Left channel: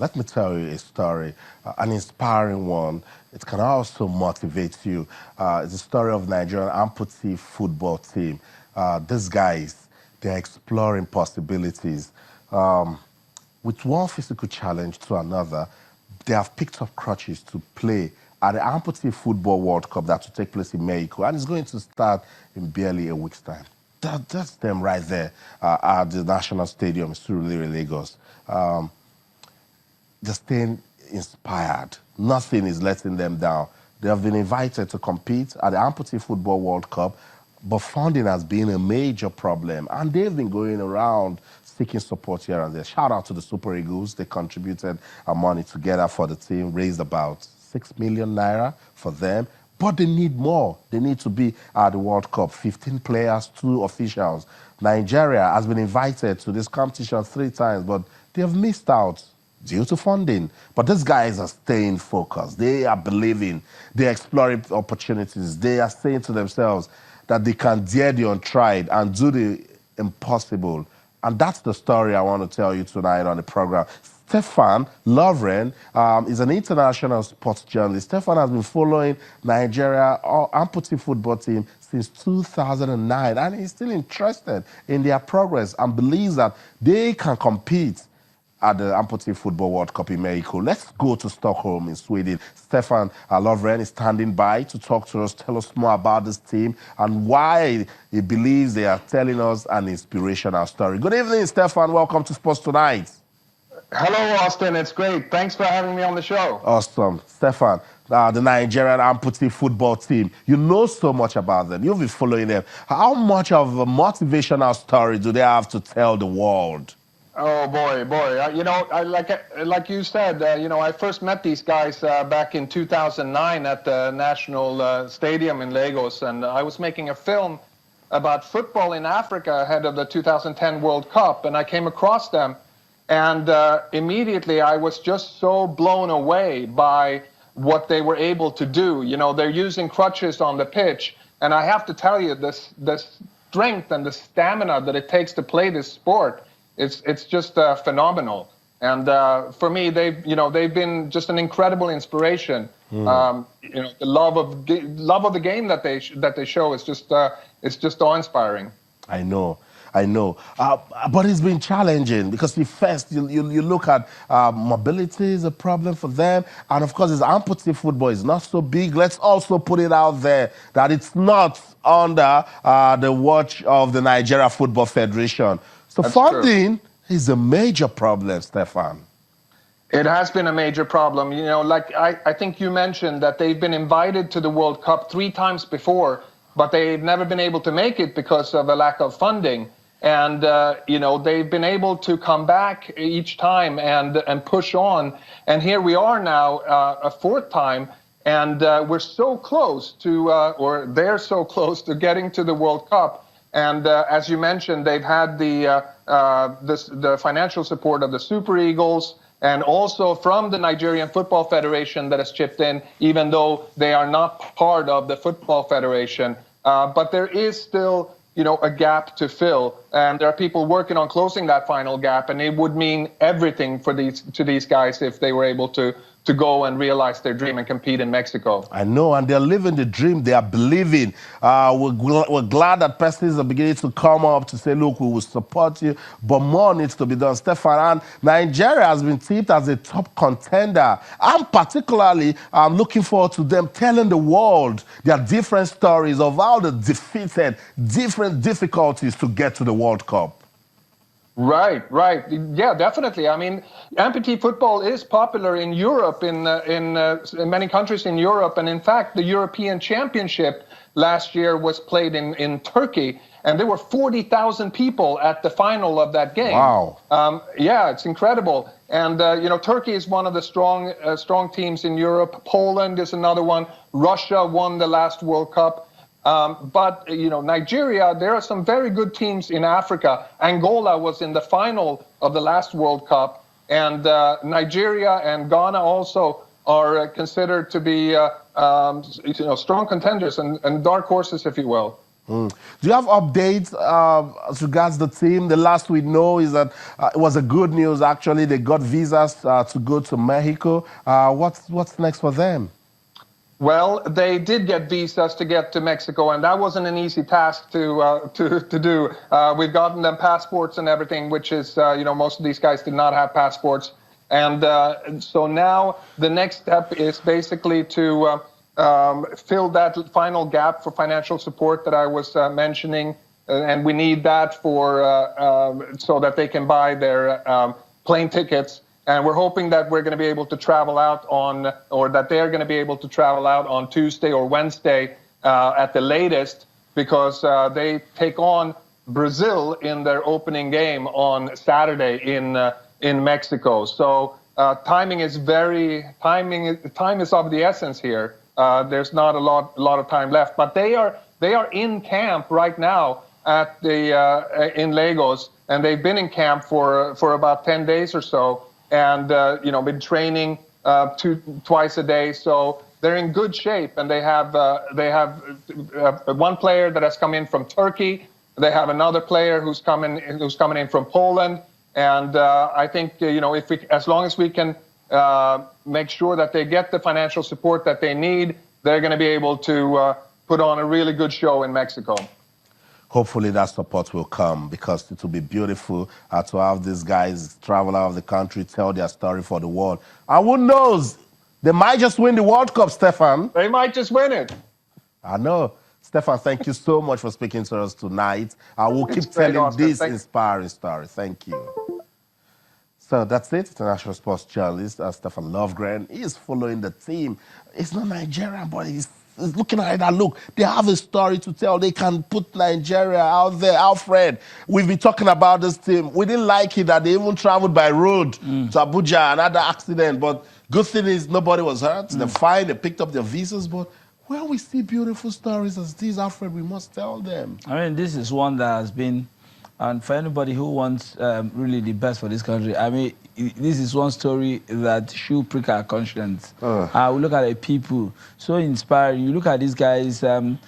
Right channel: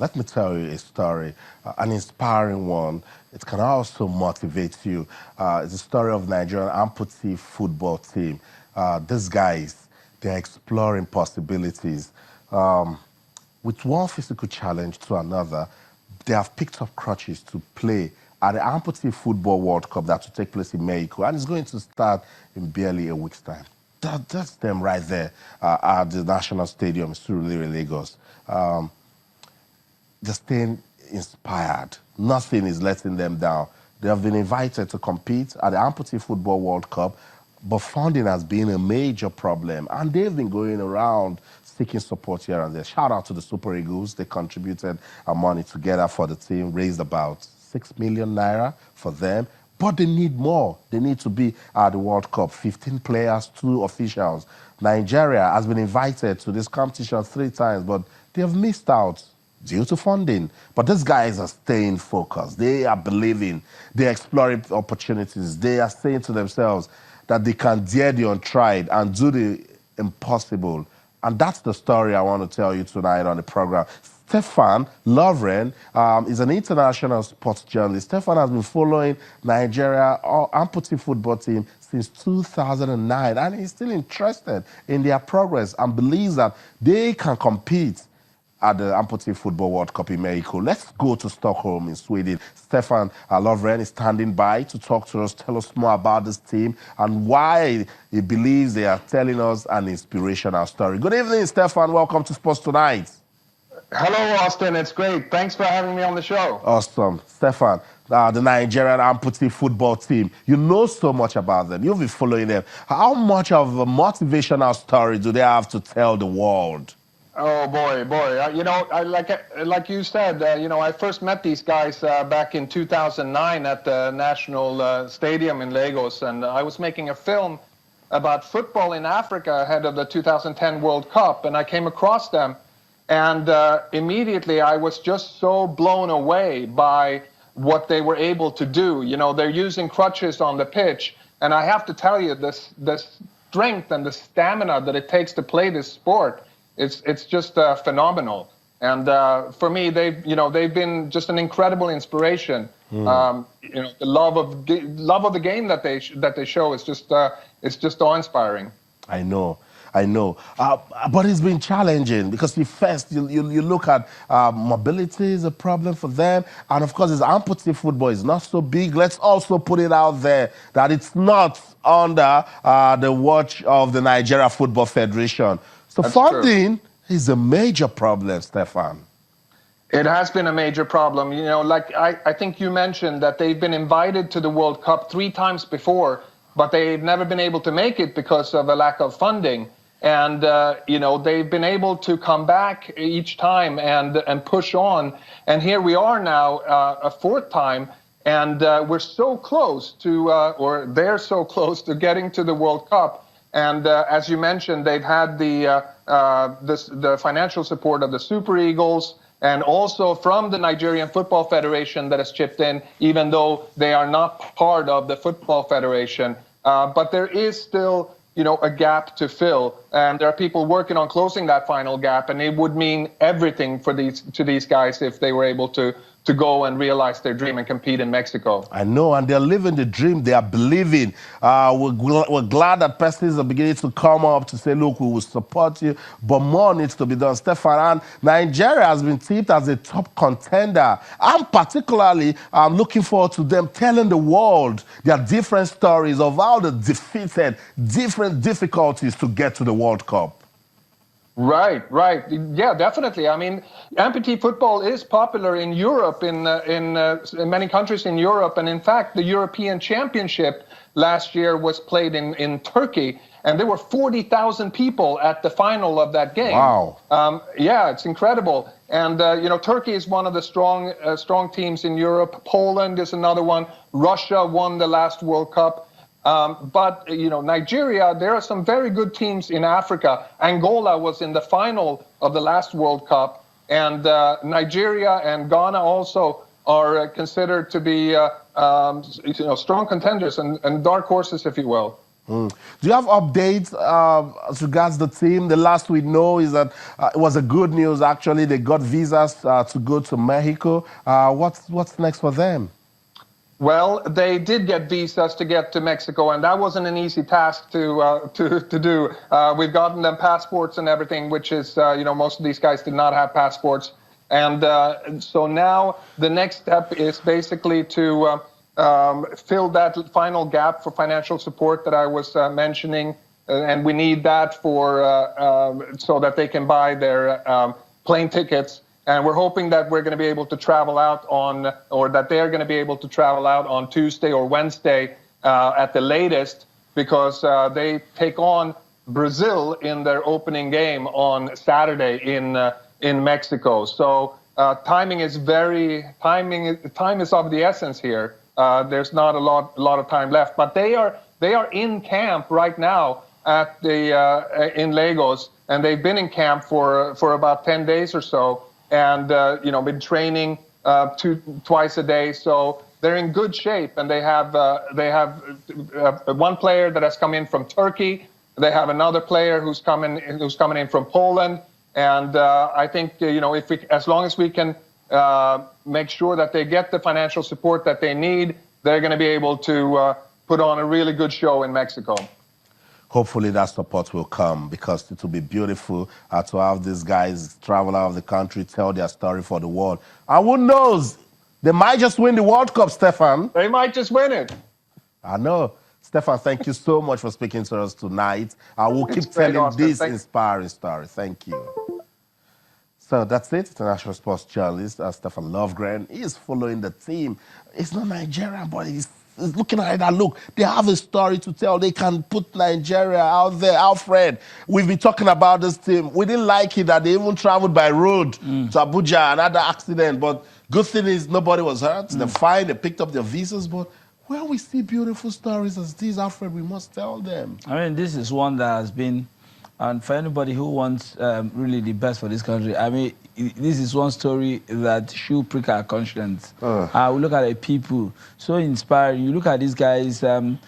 Let me tell you a story, an inspiring one. It can also motivate you. It's a story of Nigerian Amputee Football Team. These guys, they're exploring possibilities. With one physical challenge to another, they have picked up crutches to play at the Amputee Football World Cup that will take place in Mexico, and it's going to start in barely a week's time. That's them right there at the National Stadium in Surulere, Lagos. They're staying inspired. Nothing is letting them down. They have been invited to compete at the Amputee Football World Cup, but funding has been a major problem, and they've been going around seeking support here and there. Shout out to the Super Eagles. They contributed money together for the team, raised about 6 million naira for them. But they need more. They need to be at the World Cup. 15 players, 2 officials. Nigeria has been invited to this competition 3 times, but they have missed out due to funding. But these guys are staying focused. They are believing. They're exploring opportunities. They are saying to themselves that they can dare the untried and do the impossible. And that's the story I want to tell you tonight on the program. Stefan Lovgren is an international sports journalist. Stefan has been following Nigeria Amputee football team since 2009, and he's still interested in their progress and believes that they can compete at the Amputee Football World Cup in Mexico. Let's go to Stockholm in Sweden. Stefan Lovgren is standing by to talk to us, tell us more about this team and why he believes they are telling us an inspirational story. Good evening, Stefan. Welcome to Sports Tonight. Hello, Austin. It's great. Thanks for having me on the show. Awesome. Stefan, the Nigerian Amputee football team, you know so much about them. You've been following them. How much of a motivational story do they have to tell the world? Oh, boy. Like you said, I first met these guys back in 2009 at the National Stadium in Lagos, and I was making a film about football in Africa ahead of the 2010 World Cup, and I came across them. And immediately I was just so blown away by what they were able to do. You know, they're using crutches on the pitch. And I have to tell you, the strength and the stamina that it takes to play this sport, it's just phenomenal. And for me, they've been just an incredible inspiration. The love of the game that they show is just awe-inspiring. I know. But it's been challenging because you look at mobility is a problem for them. And of course, amputee football is not so big. Let's also put it out there that it's not under the watch of the Nigeria Football Federation. So That's funding true. is a major problem, Stefan. It has been a major problem. You know, like I think you mentioned that they've been invited to the World Cup 3 times before, but they've never been able to make it because of a lack of funding. And, they've been able to come back each time and push on. And here we are now a 4th time, and we're so close to, or they're so close to getting to the World Cup. And as you mentioned, they've had the financial support of the Super Eagles and also from the Nigerian Football Federation that has chipped in, even though they are not part of the Football Federation. But there is still a gap to fill, and there are people working on closing that final gap, and it would mean everything for these guys if they were able to go and realize their dream and compete in Mexico. I know, and they're living the dream. They are believing. We're glad that persons are beginning to come up to say, look, we will support you, but more needs to be done. Stefan, and Nigeria has been tipped as a top contender. I'm particularly looking forward to them telling the world their different stories of how they defeated different difficulties to get to the World Cup. Right. Yeah, definitely. I mean, amputee football is popular in Europe, in many countries in Europe. And in fact, the European Championship last year was played in Turkey, and there were 40,000 people at the final of that game. Wow. Yeah, it's incredible. And, Turkey is one of the strong teams in Europe. Poland is another one. Russia won the last World Cup. But Nigeria, there are some very good teams in Africa. Angola was in the final of the last World Cup, and Nigeria and Ghana also are considered to be strong contenders and dark horses, if you will. Do you have updates as regards the team? The last we know is that it was a good news, actually. They got visas to go to Mexico. What's next for them? Well, they did get visas to get to Mexico, and that wasn't an easy task to do. We've gotten them passports and everything, which is, most of these guys did not have passports. And so now the next step is basically to fill that final gap for financial support that I was mentioning. And we need that so that they can buy their plane tickets. And we're hoping that we're going to be able to travel out that they're going to be able to travel out on Tuesday or Wednesday at the latest, because they take on Brazil in their opening game on Saturday in Mexico. So time is of the essence here. There's not a lot of time left, but they are in camp right now in Lagos, and they've been in camp for about 10 days or so. And been training twice a day, so they're in good shape. And they have one player that has come in from Turkey. They have another player who's coming in from Poland. And I think as long as we can make sure that they get the financial support that they need, they're going to be able to put on a really good show in Mexico. Hopefully that support will come, because it will be beautiful to have these guys travel out of the country, tell their story for the world. And who knows, they might just win the World Cup, Stefan. They might just win it. I know. Stefan, thank you so much for speaking to us tonight. I will keep telling this inspiring story. Thank you. So that's it. International sports journalist Stefan Lovgren. He is following the team. It's not Nigerian, but he's looking at it and look, they have a story to tell. They can put Nigeria out there. Alfred, we've been talking about this team. We didn't like it that they even traveled by road to Abuja, another accident. But good thing is nobody was hurt. They're fine. They picked up their visas. But when we see beautiful stories as these, Alfred, we must tell them. I mean, this is one that has been, and for anybody who wants really the best for this country, I mean, this is one story that should prick our conscience. We look at the people, so inspiring. You look at these guys, some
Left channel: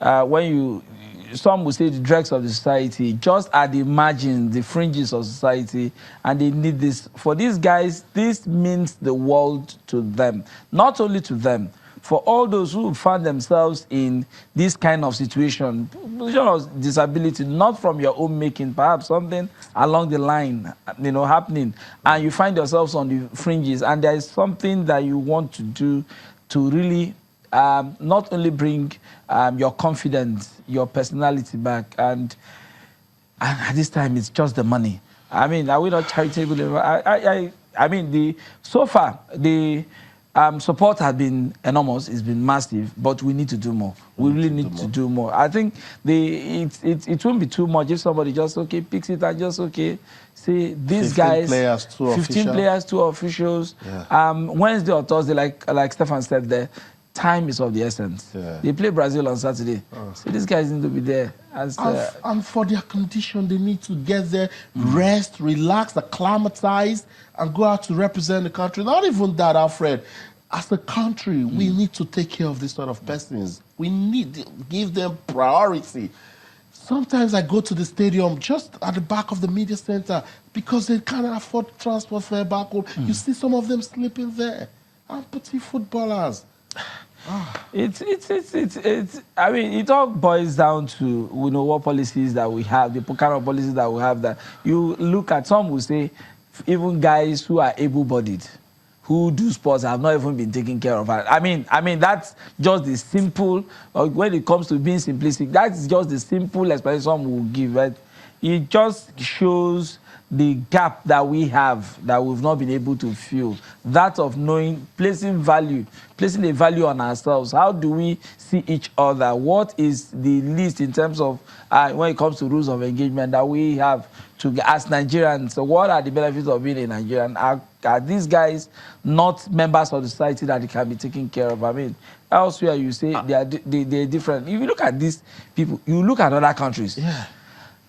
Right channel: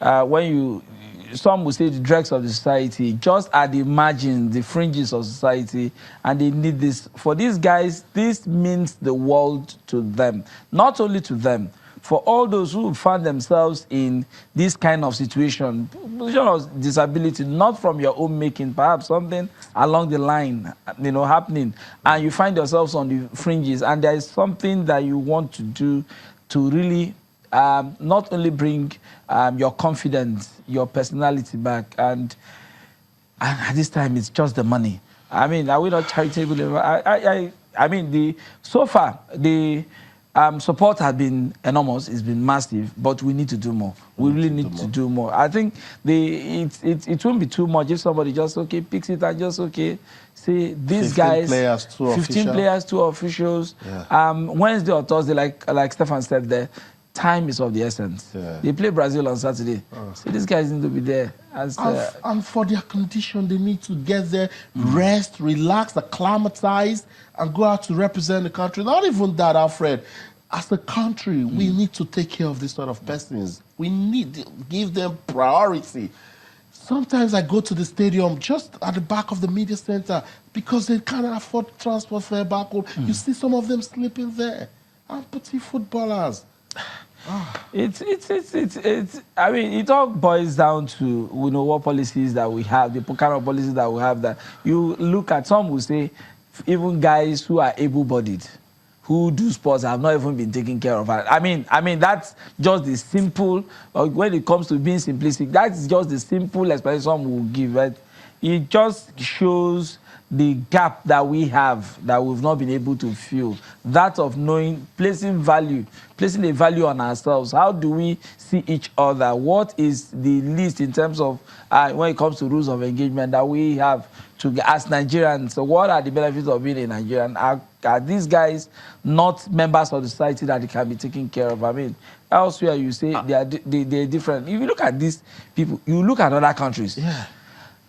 would say the dregs of the society, just at the margins, the fringes of society, and they need this. For these guys, this means the world to them. Not only to them, for all those who find themselves in this kind of situation of disability, not from your own making, perhaps something along the line, happening, and you find yourselves on the fringes, and there is something that you want to do to really not only bring your confidence, your personality back, and at this time it's just the money. I mean, are we not charitable? I mean, so far the support has been enormous. It's been massive, but we need to do more. We really need to do more. I think it won't be too much if somebody just picks it and just say these guys, 15 players, 2 officials. Yeah. Wednesday or Thursday, like Stefan said there, time is of the essence. Yeah. They play Brazil on Saturday, so these guys need to be there. And for their condition, they need to get there, rest, relax, acclimatize, and go out to represent the country. Not even that, Alfred. As a country, we need to take care of this sort of persons. We need to give them priority. Sometimes I go to the stadium just at the back of the media center because they can't afford transport fare back home. You see some of them sleeping there. Amputee footballers. I mean, it all boils down to what policies that we have, the kind of policies that we have. That you look at, some will say even guys who are able-bodied, who do sports, have not even been taken care of. I mean that's just the simple. When it comes to being simplistic, that's just the simple explanation some will give. Right? It just shows the gap that we have, that we've not been able to fill, that of knowing, placing a value on ourselves. How do we see each other? What is the least in terms of, when it comes to rules of engagement that we have to as Nigerians? So what are the benefits of being a Nigerian? Are these guys not members of the society that they can be taken care of? I mean, elsewhere you say they're different. If you look at these people, you look at other countries. Yeah.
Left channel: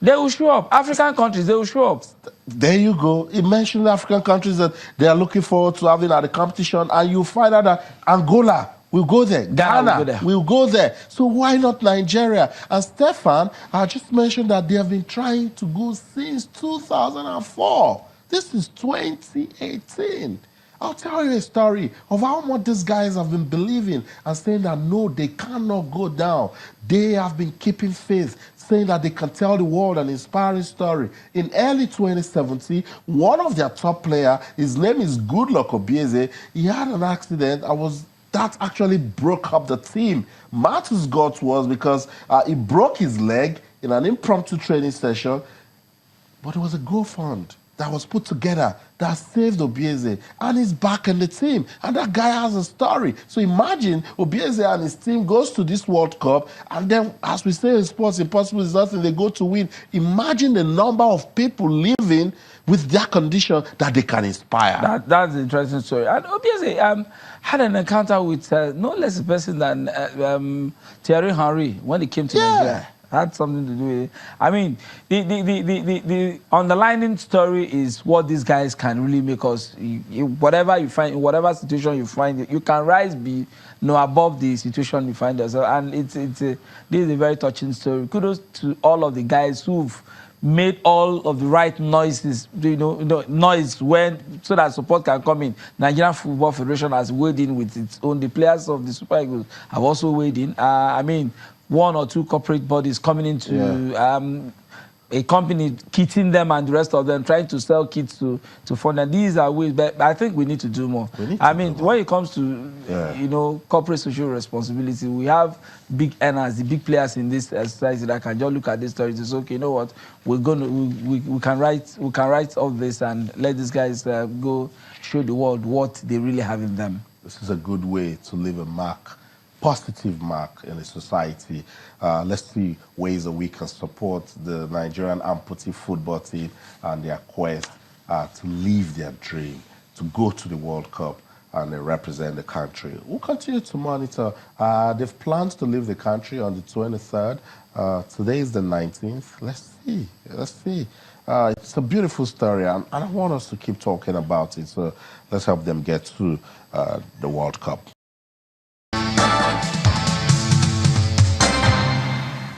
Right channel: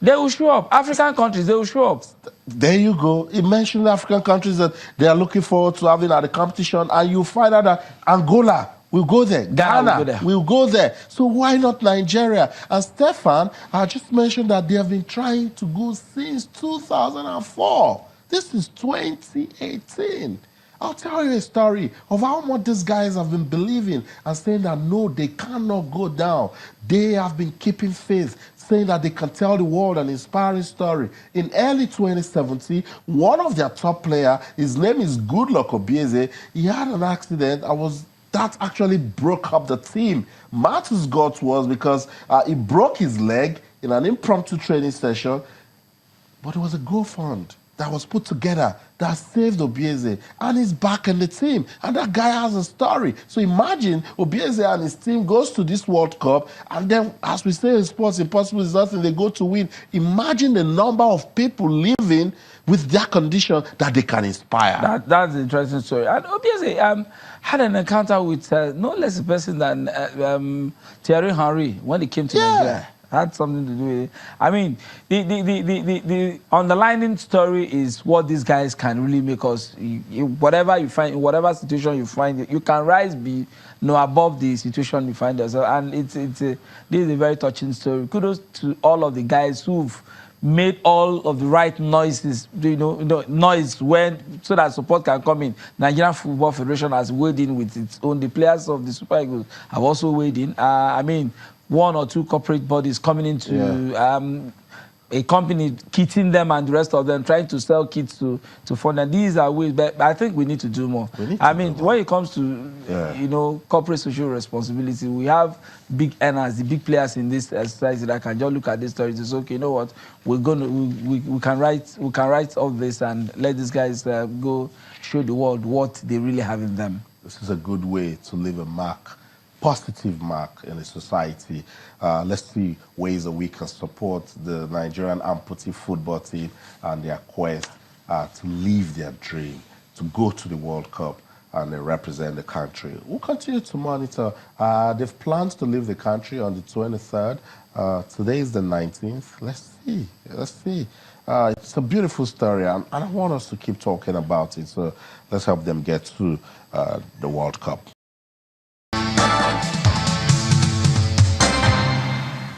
They will show up. African countries, they will show up. There you go. It mentioned African countries that they are looking forward to having at the competition, and you find out that Angola we'll go there. Ghana will go there. We'll go there. So why not Nigeria? And Stefan, I just mentioned that they have been trying to go since 2004. This is 2018. I'll tell you a story of how much these guys have been believing and saying that no, they cannot go down. They have been keeping faith, saying that they can tell the world an inspiring story. In early 2017, one of their top players, his name is Goodluck Obieze, he had an accident. That actually broke up the team. Matthew's guts was because he broke his leg in an impromptu training session, but it was a GoFund that was put together that saved Obieze, and he's back in the team. And that guy has a story. So imagine Obieze and his team goes to this World Cup, and then, as we say in sports, impossible is nothing, they go to win. Imagine the number of people living with their condition that they can inspire. That's an interesting story. And Obieze had an encounter with no less a person than Thierry Henry when he came to Nigeria. Had something to do with it. I mean, the underlining story is what these guys can really make us. Whatever you find, in whatever situation you find, you can rise above the situation you find yourself. And this is a very touching story. Kudos to all of the guys who've made all of the right noises, noise so that support can come in. Nigerian Football Federation has weighed in with its own. The players of the Super Eagles have also weighed in. I mean, one or two corporate bodies coming into a company, kitting them and the rest of them, trying to sell kits to fund. And these are ways, but I think we need to do more. When it comes to corporate social responsibility, we have big earners, the big players in this society that can just look at this story and say, okay, you know what, we can write all this and let these guys go show the world what they really have in them. This is a good way to leave a mark. Positive mark in the society. Let's see ways that we can support the Nigerian amputee football team and their quest to live their dream, to go to the World Cup and represent the country. We'll continue to monitor. They've planned to leave the country on the 23rd. Today is the 19th. Let's see. It's a beautiful story, and I want us to keep talking about it. So let's help them get to the World Cup.